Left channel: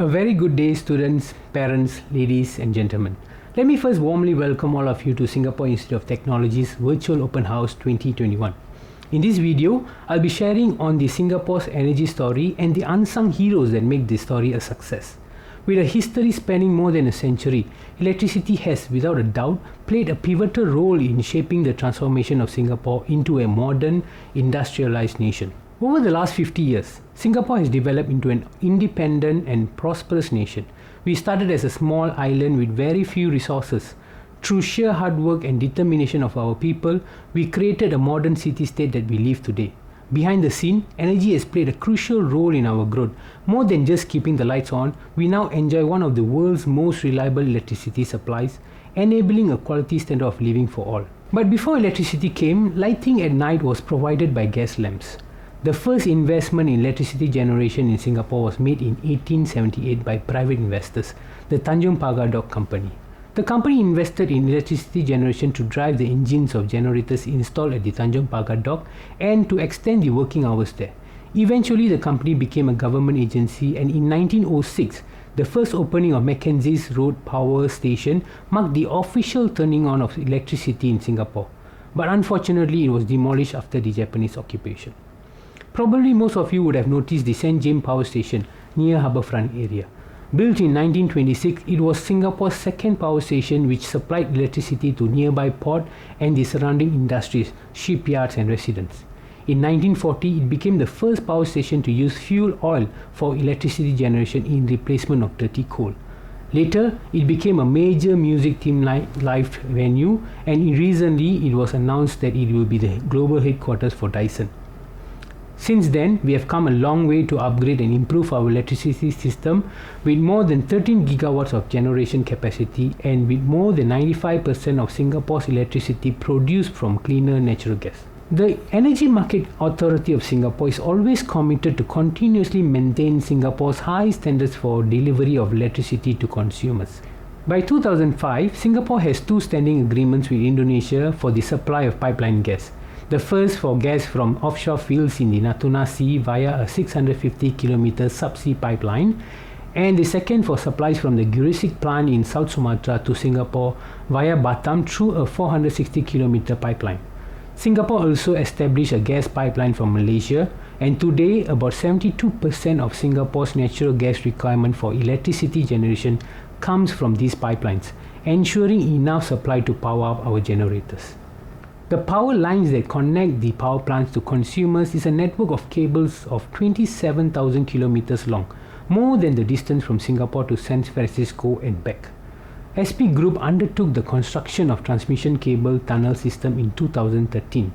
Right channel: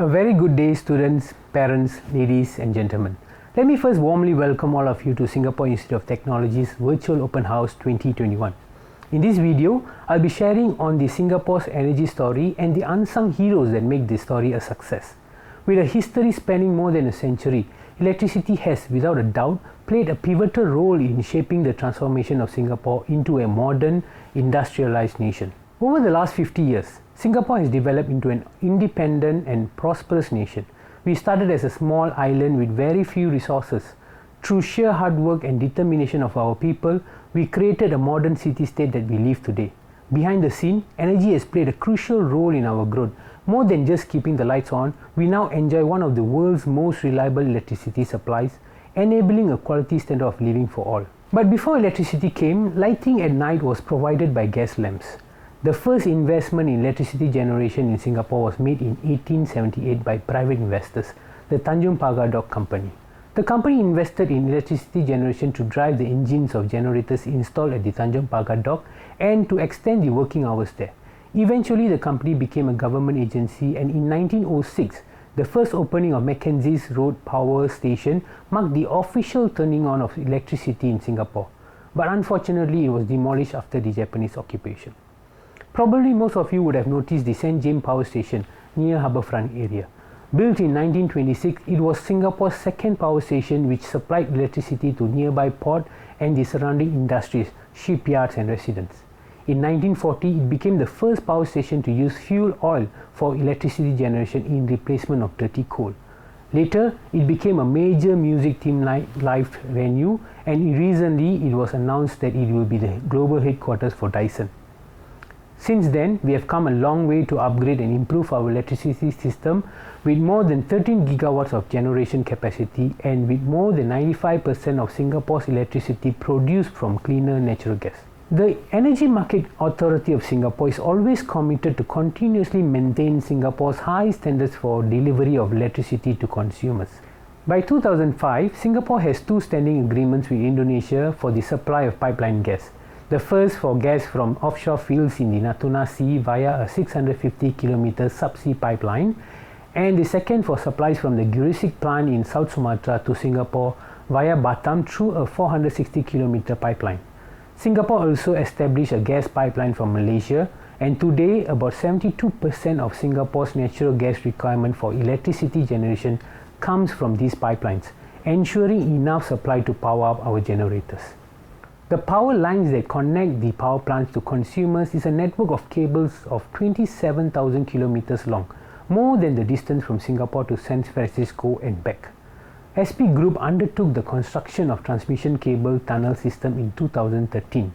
A very good day, students, parents, ladies and gentlemen. Let me first warmly welcome all of you to Singapore Institute of Technology's Virtual Open House 2021. In this video, I'll be sharing on the Singapore's energy story and the unsung heroes that make this story a success. With a history spanning more than a century, electricity has, without a doubt, played a pivotal role in shaping the transformation of Singapore into a modern, industrialized nation. Over the last 50 years, Singapore has developed into an independent and prosperous nation. We started as a small island with very few resources. Through sheer hard work and determination of our people, we created a modern city-state that we live today. Behind the scene, energy has played a crucial role in our growth. More than just keeping the lights on, we now enjoy one of the world's most reliable electricity supplies, enabling a quality standard of living for all. But before electricity came, lighting at night was provided by gas lamps. The first investment in electricity generation in Singapore was made in 1878 by private investors, the Tanjung Pagar Dock Company. The company invested in electricity generation to drive the engines of generators installed at the Tanjung Pagar Dock and to extend the working hours there. Eventually, the company became a government agency, and in 1906, the first opening of Mackenzie's Road Power Station marked the official turning on of electricity in Singapore. But unfortunately, it was demolished after the Japanese occupation. Probably most of you would have noticed the St. James Power Station near Harbourfront area. Built in 1926, it was Singapore's second power station which supplied electricity to nearby port and the surrounding industries, shipyards and residents. In 1940, it became the first power station to use fuel oil for electricity generation in replacement of dirty coal. Later, it became a major music theme live venue, and recently it was announced that it will be the global headquarters for Dyson. Since then, we have come a long way to upgrade and improve our electricity system with more than 13 gigawatts of generation capacity and with more than 95% of Singapore's electricity produced from cleaner natural gas. The Energy Market Authority of Singapore is always committed to continuously maintain Singapore's high standards for delivery of electricity to consumers. By 2005, Singapore has two standing agreements with Indonesia for the supply of pipeline gas. The first for gas from offshore fields in the Natuna Sea via a 650-kilometer subsea pipeline, and the second for supplies from the Gresik plant in South Sumatra to Singapore via Batam through a 460-kilometer pipeline. Singapore also established a gas pipeline from Malaysia, and today about 72% of Singapore's natural gas requirement for electricity generation comes from these pipelines, ensuring enough supply to power up our generators. The power lines that connect the power plants to consumers is a network of cables of 27,000 kilometers long, more than the distance from Singapore to San Francisco and back. SP Group undertook the construction of transmission cable tunnel system in 2013.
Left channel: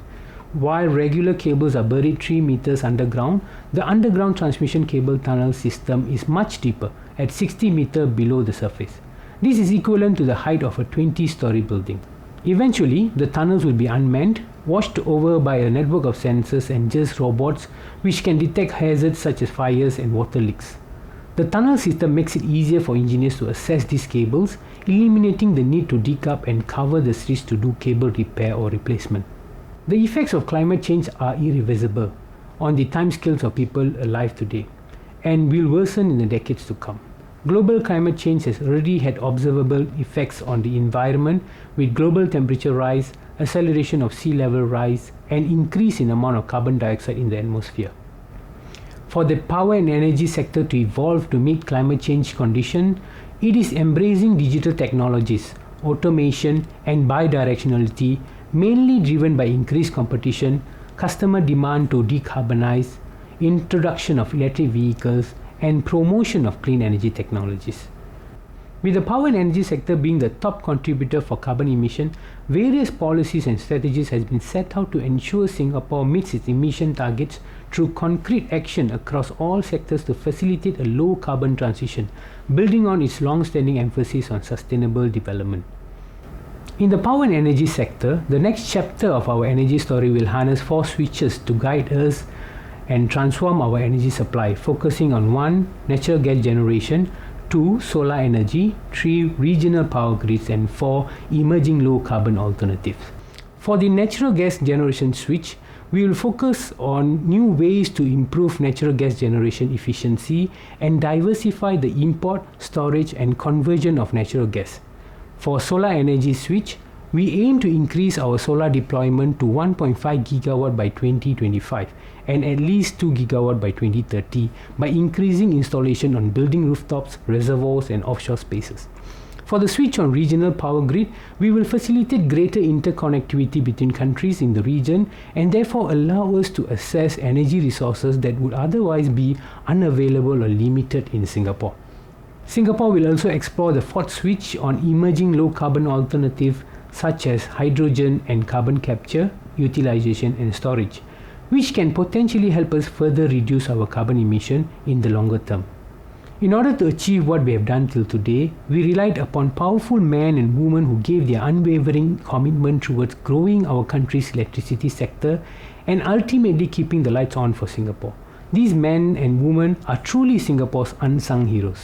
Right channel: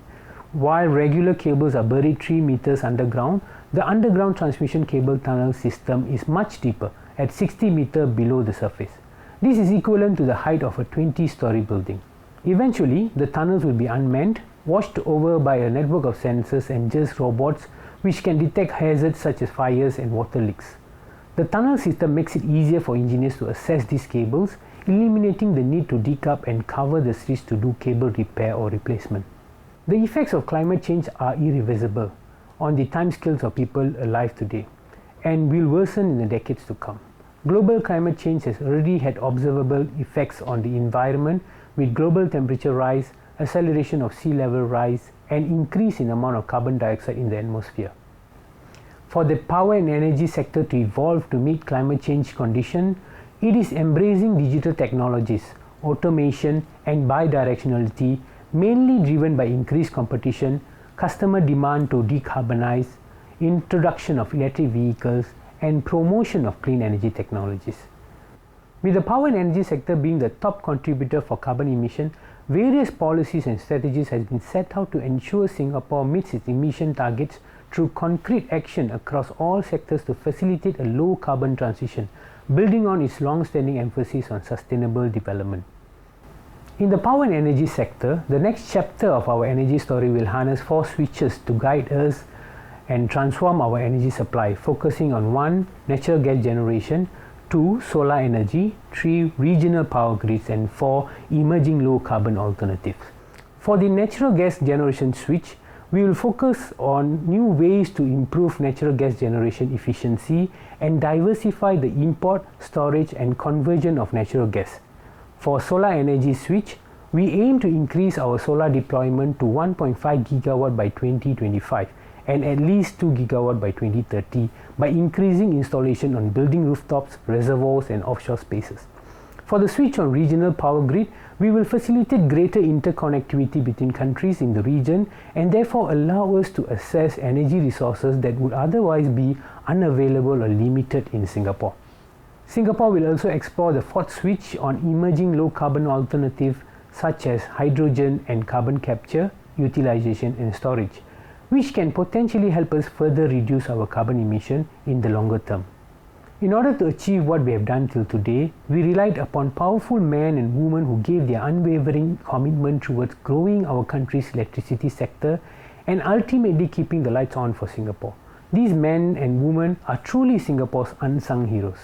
While regular cables are buried 3 meters underground, the underground transmission cable tunnel system is much deeper, at 60 meters below the surface. This is equivalent to the height of a 20-story building. Eventually, the tunnels will be unmanned, watched over by a network of sensors and just robots which can detect hazards such as fires and water leaks. The tunnel system makes it easier for engineers to access these cables, eliminating the need to dig up and cover the streets to do cable repair or replacement. The effects of climate change are irreversible on the timescales of people alive today and will worsen in the decades to come. Global climate change has already had observable effects on the environment with global temperature rise, acceleration of sea level rise, and increase in amount of carbon dioxide in the atmosphere. For the power and energy sector to evolve to meet climate change conditions, it is embracing digital technologies, automation, and bidirectionality, mainly driven by increased competition, customer demand to decarbonize, introduction of electric vehicles, and promotion of clean energy technologies. With the power and energy sector being the top contributor for carbon emission, various policies and strategies have been set out to ensure Singapore meets its emission targets through concrete action across all sectors to facilitate a low carbon transition, building on its long-standing emphasis on sustainable development. In the power and energy sector, the next chapter of our energy story will harness 4 switches to guide us and transform our energy supply, focusing on 1. Natural gas generation, 2. Solar energy, 3. Regional power grids, and 4. Emerging low carbon alternatives. For the natural gas generation switch, we will focus on new ways to improve natural gas generation efficiency and diversify the import, storage and conversion of natural gas. For solar energy switch, we aim to increase our solar deployment to 1.5 gigawatt by 2025 and at least 2 gigawatt by 2030 by increasing installation on building rooftops, reservoirs and offshore spaces. For the switch on regional power grid, we will facilitate greater interconnectivity between countries in the region and therefore allow us to access energy resources that would otherwise be unavailable or limited in Singapore. Singapore will also explore the fourth switch on emerging low carbon alternatives such as hydrogen and carbon capture, utilization and storage, which can potentially help us further reduce our carbon emission in the longer term. In order to achieve what we have done till today, we relied upon powerful men and women who gave their unwavering commitment towards growing our country's electricity sector and ultimately keeping the lights on for Singapore. These men and women are truly Singapore's unsung heroes.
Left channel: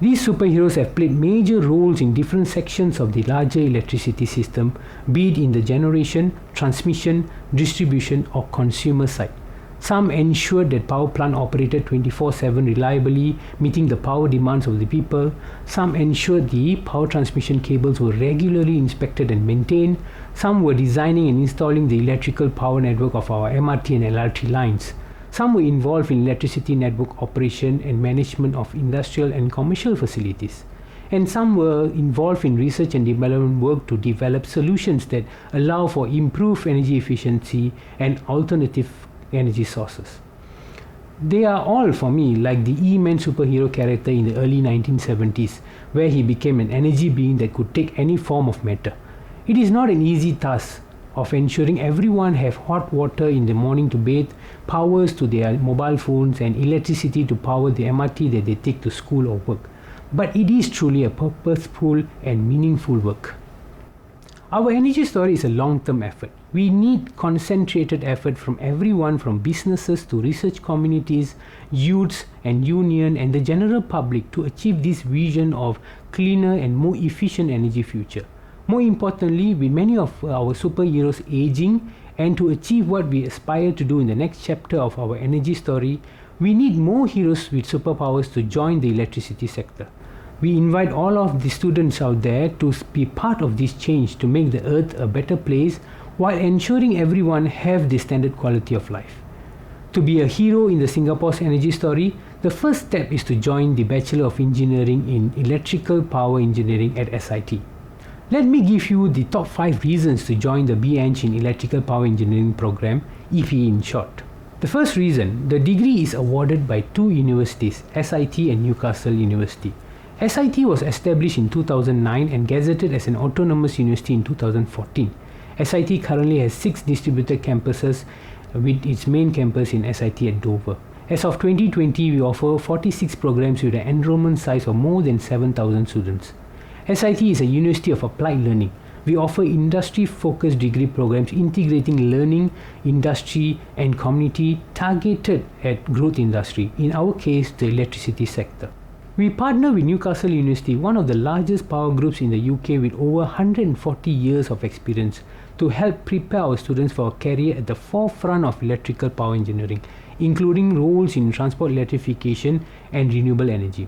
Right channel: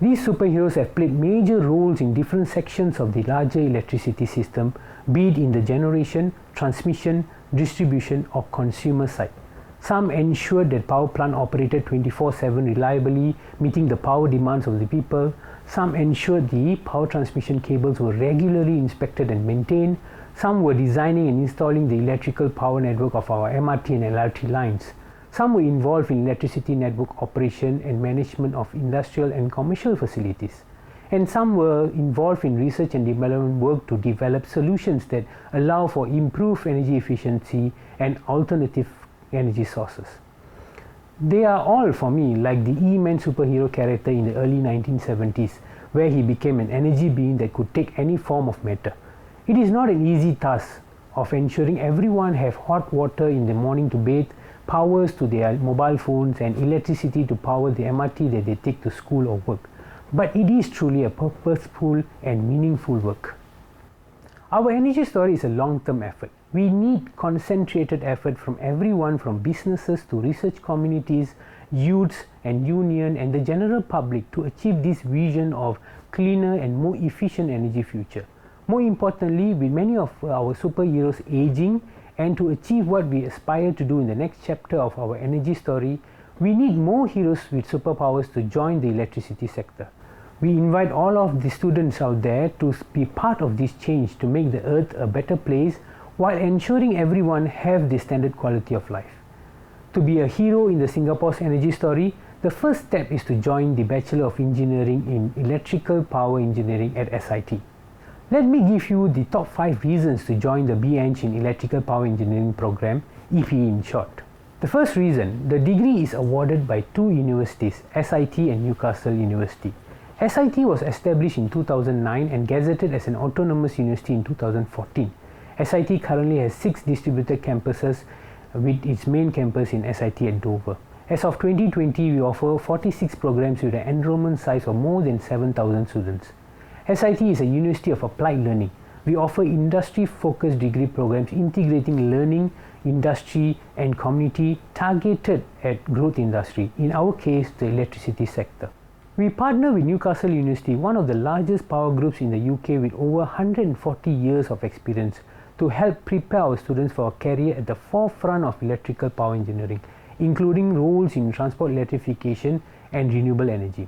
These superheroes have played major roles in different sections of the larger electricity system, be it in the generation, transmission, distribution or consumer side. Some ensured that power plant operated 24/7 reliably, meeting the power demands of the people. Some ensured the power transmission cables were regularly inspected and maintained. Some were designing and installing the electrical power network of our MRT and LRT lines. Some were involved in electricity network operation and management of industrial and commercial facilities. And some were involved in research and development work to develop solutions that allow for improved energy efficiency and alternative energy sources. They are all, for me, like the E-Man superhero character in the early 1970s, where he became an energy being that could take any form of matter. It is not an easy task of ensuring everyone have hot water in the morning to bathe, powers to their mobile phones and electricity to power the MRT that they take to school or work. But it is truly a purposeful and meaningful work. Our energy story is a long-term effort. We need concentrated effort from everyone, from businesses to research communities, youths and union and the general public to achieve this vision of cleaner and more efficient energy future. More importantly, with many of our superheroes aging and to achieve what we aspire to do in the next chapter of our energy story, we need more heroes with superpowers to join the electricity sector. We invite all of the students out there to be part of this change to make the earth a better place while ensuring everyone have the standard quality of life. To be a hero in the Singapore's energy story, the first step is to join the Bachelor of Engineering in Electrical Power Engineering at SIT. Let me give you the top 5 reasons to join the ENG in Electrical Power Engineering program, EPE in short. The first reason, the degree is awarded by 2 universities, SIT and Newcastle University. SIT was established in 2009 and gazetted as an autonomous university in 2014. SIT currently has 6 distributed campuses with its main campus in SIT at Dover. As of 2020, we offer 46 programs with an enrollment size of more than 7,000 students. SIT is a university of applied learning. We offer industry-focused degree programs integrating learning, industry and community targeted at growth industry, in our case the electricity sector. We partner with Newcastle University, one of the largest power groups in the UK with over 140 years of experience, to help prepare our students for a career at the forefront of electrical power engineering, including roles in transport electrification and renewable energy.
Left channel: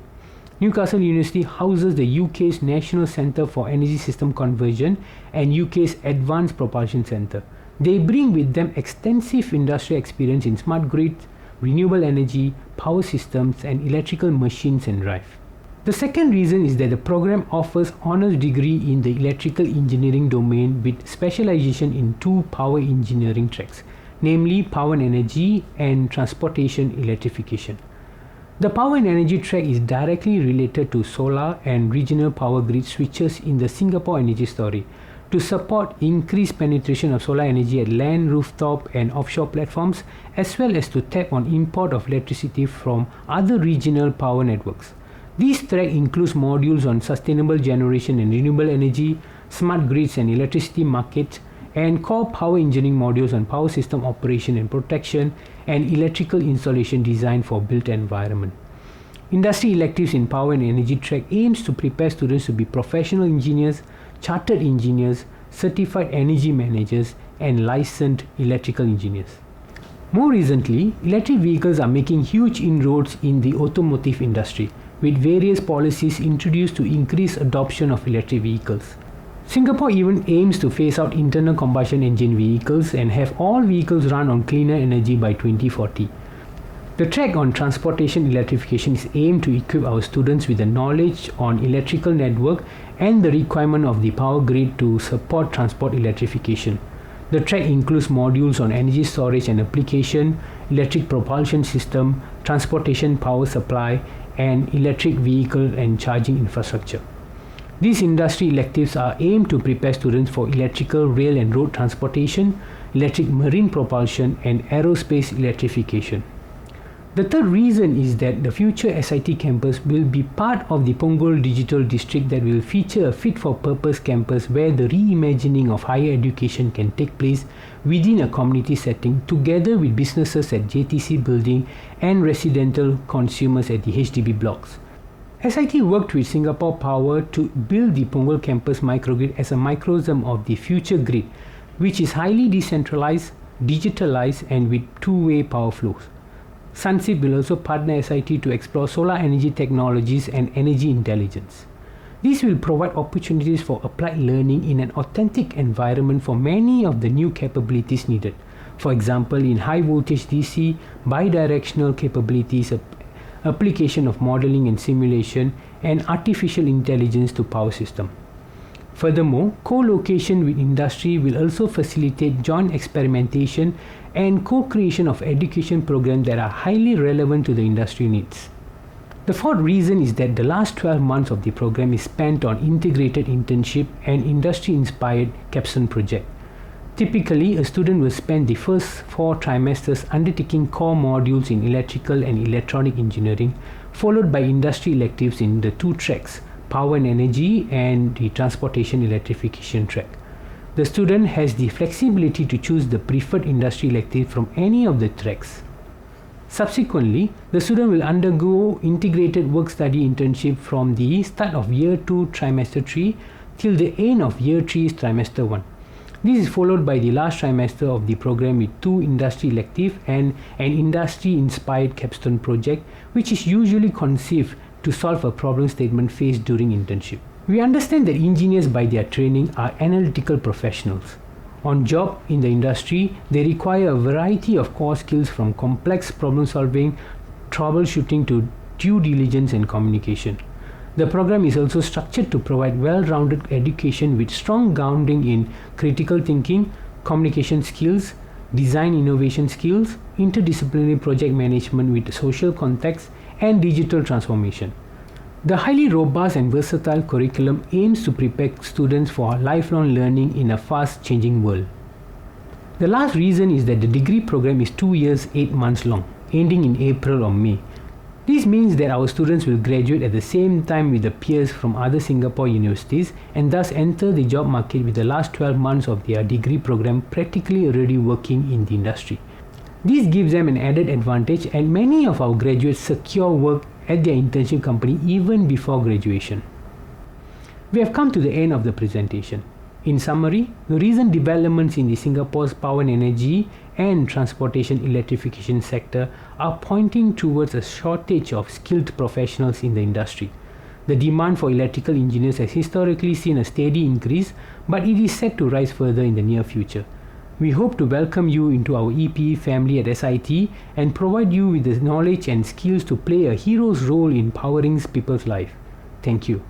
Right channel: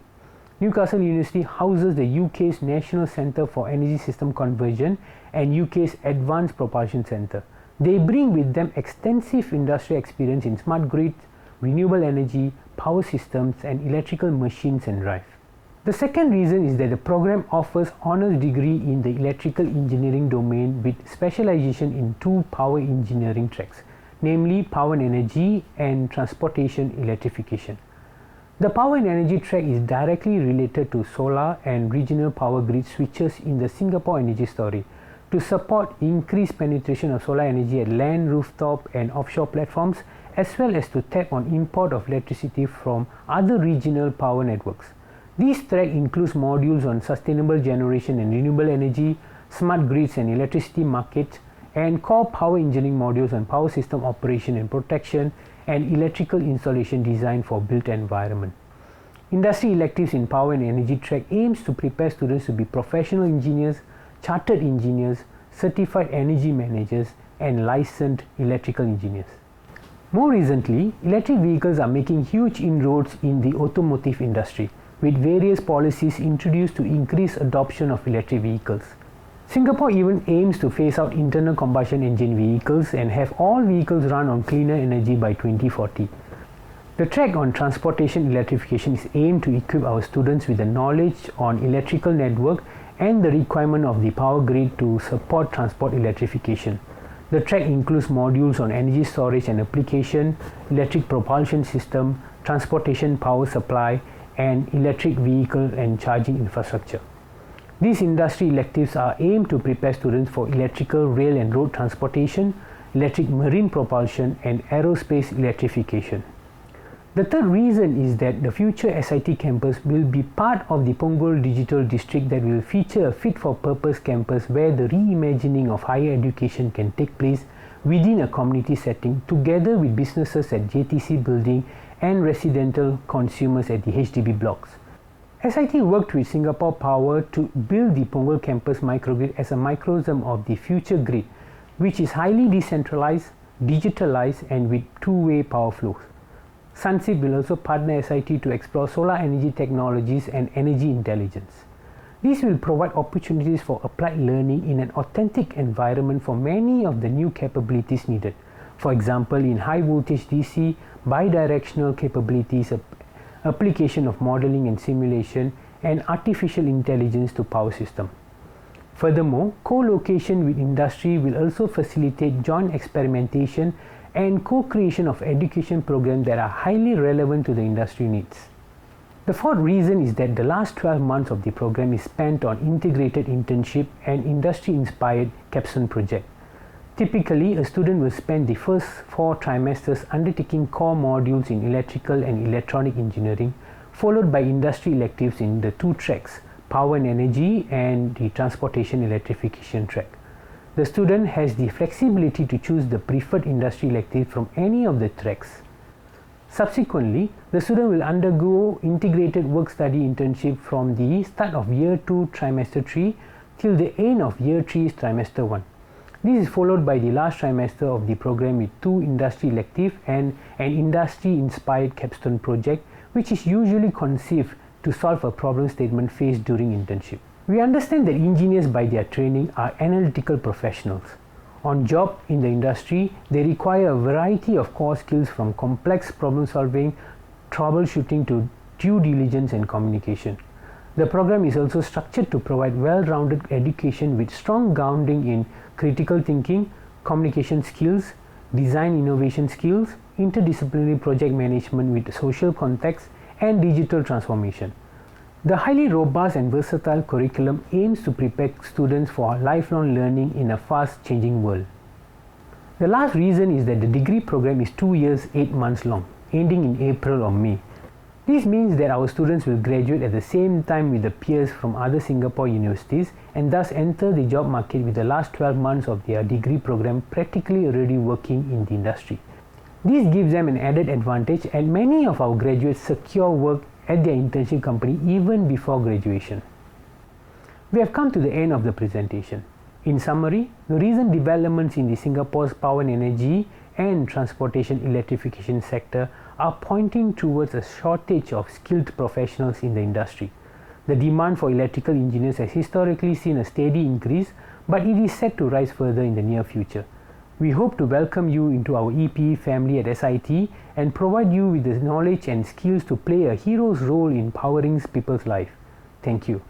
Newcastle University houses the UK's National Centre for Energy System Conversion and UK's Advanced Propulsion Centre. They bring with them extensive industry experience in smart grids, renewable energy, power systems and electrical machines and drive. The second reason is that the program offers honors degree in the electrical engineering domain with specialization in 2 power engineering tracks, namely power and energy and transportation electrification. The power and energy track is directly related to solar and regional power grid switches in the Singapore energy story to support increased penetration of solar energy at land, rooftop and offshore platforms, as well as to tap on import of electricity from other regional power networks. This track includes modules on sustainable generation and renewable energy, smart grids and electricity markets, and core power engineering modules on power system operation and protection and electrical installation design for built environment. Industry electives in power and energy track aims to prepare students to be professional engineers, chartered engineers, certified energy managers, and licensed electrical engineers. More recently, electric vehicles are making huge inroads in the automotive industry, with various policies introduced to increase adoption of electric vehicles. Singapore even aims to phase out internal combustion engine vehicles and have all vehicles run on cleaner energy by 2040. The track on transportation electrification is aimed to equip our students with the knowledge on electrical network and the requirement of the power grid to support transport electrification. The track includes modules on energy storage and application, electric propulsion system, transportation power supply, and electric vehicle and charging infrastructure. These industry electives are aimed to prepare students for electrical, rail and road transportation, electric marine propulsion, and aerospace electrification. The third reason is that the future SIT campus will be part of the Punggol Digital District that will feature a fit-for-purpose campus where the reimagining of higher education can take place within a community setting together with businesses at JTC building and residential consumers at the HDB blocks. SIT worked with Singapore Power to build the Punggol campus microgrid as a microcosm of the future grid, which is highly decentralized, digitalized, and with two-way power flows. Sunseap will also partner SIT to explore solar energy technologies and energy intelligence. These will provide opportunities for applied learning in an authentic environment for many of the new capabilities needed. For example, in high voltage DC, bidirectional capabilities, application of modeling and simulation, and artificial intelligence to power system. Furthermore, co-location with industry will also facilitate joint experimentation and co-creation of education programs that are highly relevant to the industry needs. The fourth reason is that the last 12 months of the program is spent on integrated internship and industry-inspired capstone project. Typically, a student will spend the first 4 trimesters undertaking core modules in electrical and electronic engineering, followed by industry electives in the 2 tracks, power and energy and the transportation electrification track. The student has the flexibility to choose the preferred industry elective from any of the tracks. Subsequently, the student will undergo integrated work-study internship from the start of Year 2 Trimester 3 till the end of Year 3 Trimester 1. This is followed by the last trimester of the program with 2 industry electives and an industry-inspired capstone project, which is usually conceived to solve a problem statement faced during internship. We understand that engineers by their training are analytical professionals. On job in the industry, they require a variety of core skills from complex problem solving, troubleshooting to due diligence and communication. The program is also structured to provide well-rounded education with strong grounding in critical thinking, communication skills, design innovation skills, interdisciplinary project management with social context, and digital transformation. The highly robust and versatile curriculum aims to prepare students for lifelong learning in a fast-changing world. The last reason is that the degree program is 2 years, 8 months long, ending in April or May. This means that our students will graduate at the same time with their peers from other Singapore universities and thus enter the job market with the last 12 months of their degree program practically already working in the industry. This gives them an added advantage, and many of our graduates secure work at their internship company even before graduation. We have come to the end of the presentation. In summary, the recent developments in the Singapore's power and energy and transportation electrification sector are pointing towards a shortage of skilled professionals in the industry. The demand for electrical engineers has historically seen a steady increase, but it is set to rise further in the near future. We hope to welcome you into our EPE family at SIT and provide you with the knowledge and skills to play a hero's role in powering people's life. Thank you.